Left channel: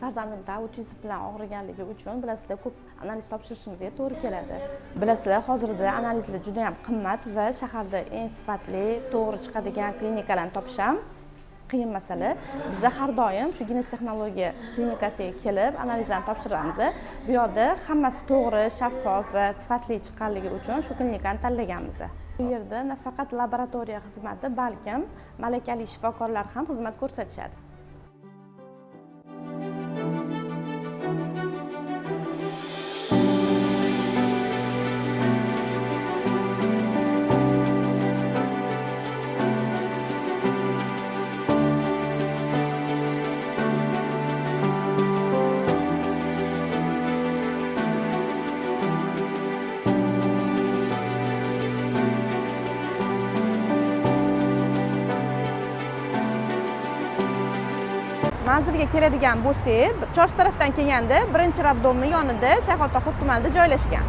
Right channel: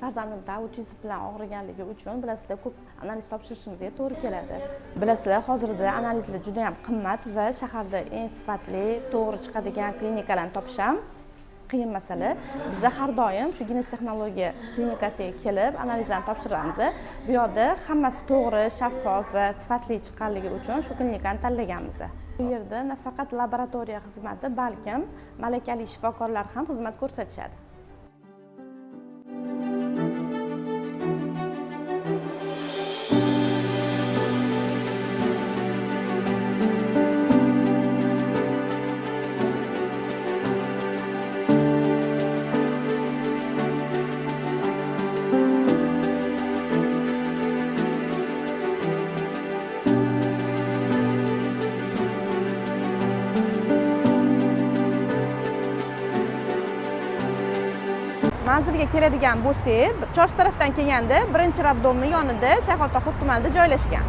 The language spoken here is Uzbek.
farzandimda autizm bilan og'riganligi uchun bilasizlar ko'p analiz topshirishimizga to'g'ri keladi. Bilasizlar hozirda analizlar juda ham qimmat va shaharda eng sifatli, to'g'ri chiqadigan klinikalarni topish ham qiyin masala. Biz har doim shu genetik texnologiya klinikasiga kelib analizlarni topshiramiz. Bu yerda hammasi to'g'ri, shaffof va sifatli chiqqanligi uchun shu klinikani tanlaganmiz. Bu yerda nafaqat laboratoriya xizmati, balkim malakali shifokorlar ham xizmat ko'rsatishadi. Manzilga keladigan bo'lsak, Chorsu tarafdan kelganda birinchi roddomning yonida Shayx Tohir tumanida joylashgan.